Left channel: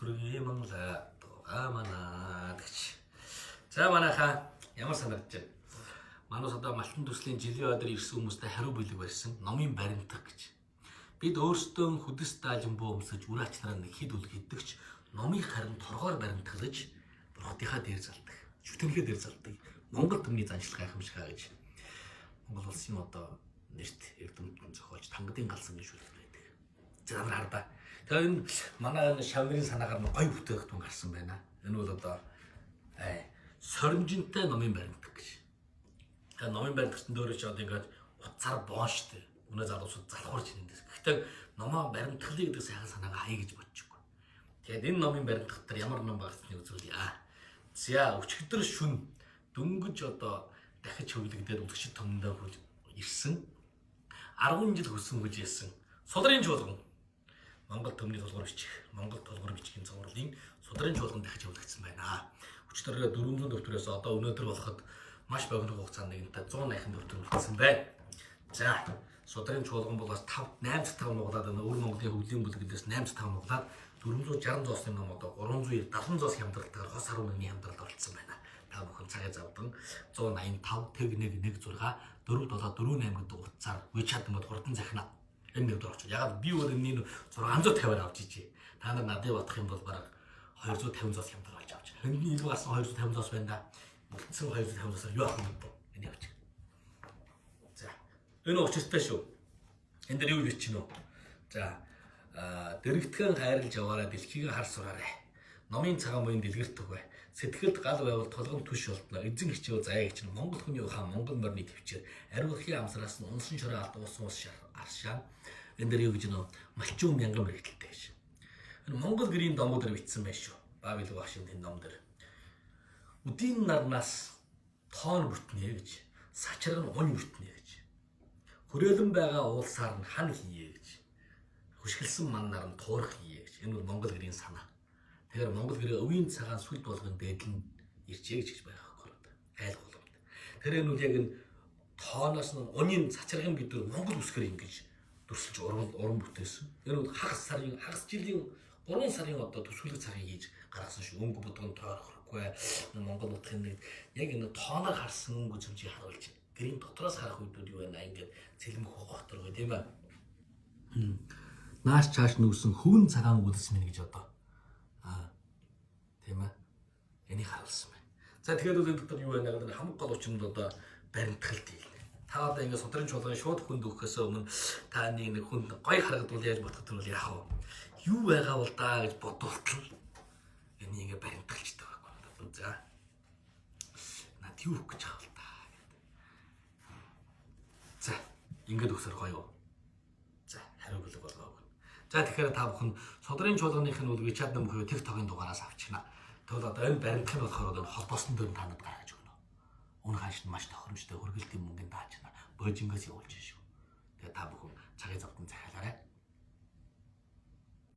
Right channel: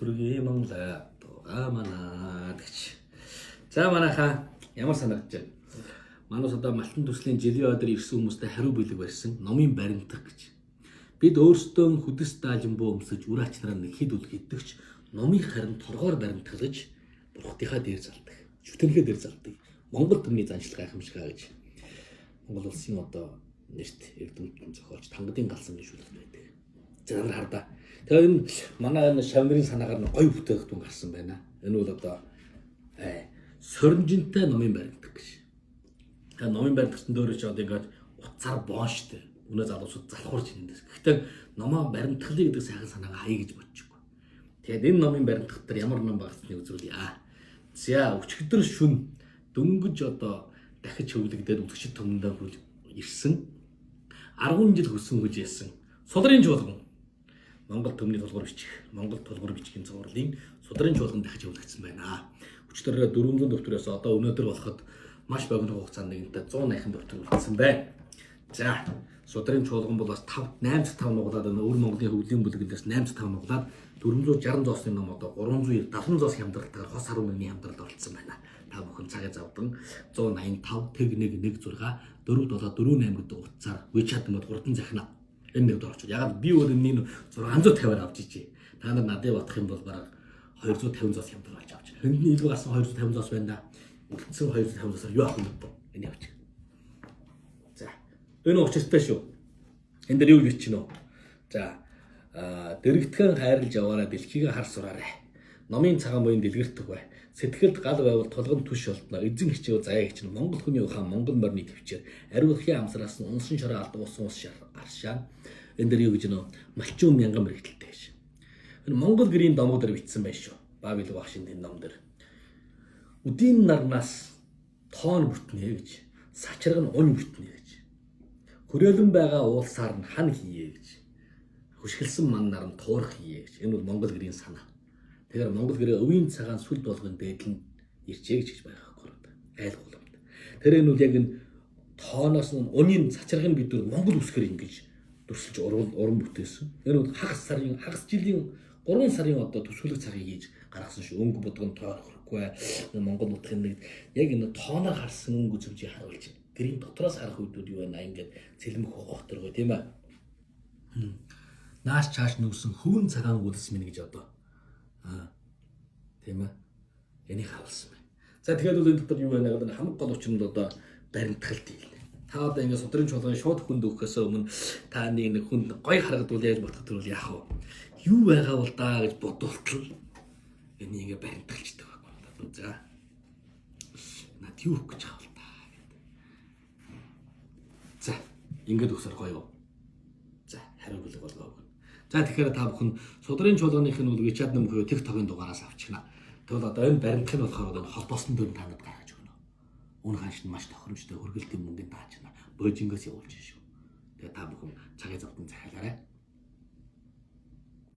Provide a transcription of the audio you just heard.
сүргээ Монголаа тугаа манаа гэж. За манайхаа ямар санагдаж байна? Манайс одоо Малтан төслийн жилийн өдөр ирсэн хүмүүстэй хариу бэлэг барьсан номын баримтах гэж. Бид өөрсдөө хүдэс даажин буу өмсөж үр ач нараа нэг хэд үл гэдэгч номыг харин торгоор баримтгалж бурхтынхаа дээр залдаг. Шүтэнхээ дээр залдаг. Монгол төмний заншлага гайхамшигаа гэж. Монгол улсын одоо нэрт эрдэмтэн зохиолч Тангадын галсан гişүүлэлт байдаг. За нар хардаа. Тэгээ энэ манай энэ шавнырын санаагаар нь гоё бүтээгдэхүүн гарсан байна. Энэ бол одоо соринжинтай номын баримтаг гэж. Тэгээ номын баримтагчдын дөөрөө ч одоо ингээд утсаар боонштой. Өнөө залуусууд залхуурч нэндээс. Гэхдээ номоо баримтгалъя гэдэг сайхан санаагаа хаяа гэж бодчихгүй. Тэгээд энэ номын баримтгах дээр ямар ном багцсныг үзүүлье. За өчигдөр шүн дөнгөж одоо дахиж хөвлөгдөд үлгчд төмөндөө хөл ирсэн 10 жил хөсөн хүж яасан судрын чуулган Монгол төмний тулгуур бичих Монгол тулгуур бичгийн цувралын судрын чуулган дахиж хөвлөгдсөн байна. Өчигдөр 400 дэвтэрээс одоо өнөөдөр болоход маш богино хугацаанд нэгэнтээ 180 дэвтэр үлдсэн байна. За судрын чуулган бол бас 8/5 нуглаад өвөр Монголын хөвлийн бүлэглээс 8/5 нуглаад 460 зоосны ном одоо 370 зоос хямдралтаар хос 11-ний хямдралд оролцсон байна. Та бүхэн цагаа завдан 185 тэг 116 474 гэдэг утсаар WeChat мод хурдан захина энэ нэг дөрөвч. Ягаад би өөр энэ 650-аар авч ижээ. Та нар надад батах юм бол бараг 250 зоос хямдрал болж авч байна. Хэндний илүү гарсан 250 зоос байна да. Үлдсэн 250 зоосоор юу авах юм бэ? Энэ явж. За. Энэ учиртай шүү. Энд дээр юу гэж чинь вэ? За. Дэрэгтгэн хайрлж яваарай, дэлхийг хар сураарай. Номын цагаан буян дэлгэрт өгөө. Сэтгэлд гал байвал толгом түш болтно. Эзэн хичээв заяа хичнэ. Монгол хүний ухаан Монгол морины төвчээр ариулхын амсараас нь унсан шороо алдаг усан ус аршаа. Энд дээр юу гэж нөө малчин мянган мэрэгдэлтэй гэж. Энэ Монгол гэрийн домог дээр бичсэн байх шүү. Бабил багшийн тэн ном дээр. Үдийн нарнаас тоон бүтнэ гэж. Сачраг нь унь бүтнэ гэж. Хүрээлэн байгаа уулсаар нь хан хийе гэж. Хөшгөлсөн маннаар нь туурах хийе гэж. Энэ бол Монгол гэрийн санаа. Тэгэхээр Монгол гэрээ өвийн цагаан сүлд болгон дээдл нь ирчээ гэж байгаа байхгүй. Айл голомт. Тэр энэ үл яг энэ тооноос нь унийн цацрагын бид нар Монгол үсгээр ингэж дүрсэлж уран бүтээсэн. Энэ бол хагас жилийн 3 сарын одоо төсвөлөг цагийг хийж гаргасан шүү. Өнгө бодгон тоохгүй Монгол нутгийн нэг яг энэ тооноор харсан өнгө зөвжийг харуулж гэрийн дотроос харах үедүүд юу байна ингээд цэлмэх хохторгой тийм ээ. Нааш чааш нүүсэн хөвөн цагаан үлс минь гэж одоо тийм ээ. Энийг харуулсан байна. За тэгэхээр бол энэ дотор юу байна гэдэг нь хамаг гол учирнд одоо баримтгалт хийлээ. Та одоо ингэ судрын чуулган шууд хүнд өгөхөөс өмнө та нэг хүнд гой харагдвал яаж бодох төрөл яах вэ? Юу байгаа бол даа гэж бодвол энийг ингэ баримтгалчдаг байхгүй. За. Над юу өгөх гэж байгаа бол даа гэдэг. За, ингэж өсөр гоё. За, хариу бэлэг болов. За тэгэхээр та бүхэн судрын чуулганых нь үл WeChat ном буюу TikTok-ын дугаараас авчихна. Тэгвэл одоо энэ баримтах нь болохоор одоо холбоосон дээр та надад гаргаж өгнө. Уун хааш нь маш тохиромжтой хөргөлтийн мөнгөнд даачна. Бөөжингөөс явуулж шүү. Тэгээ та бүхэн цагаа завдан захиалаарай.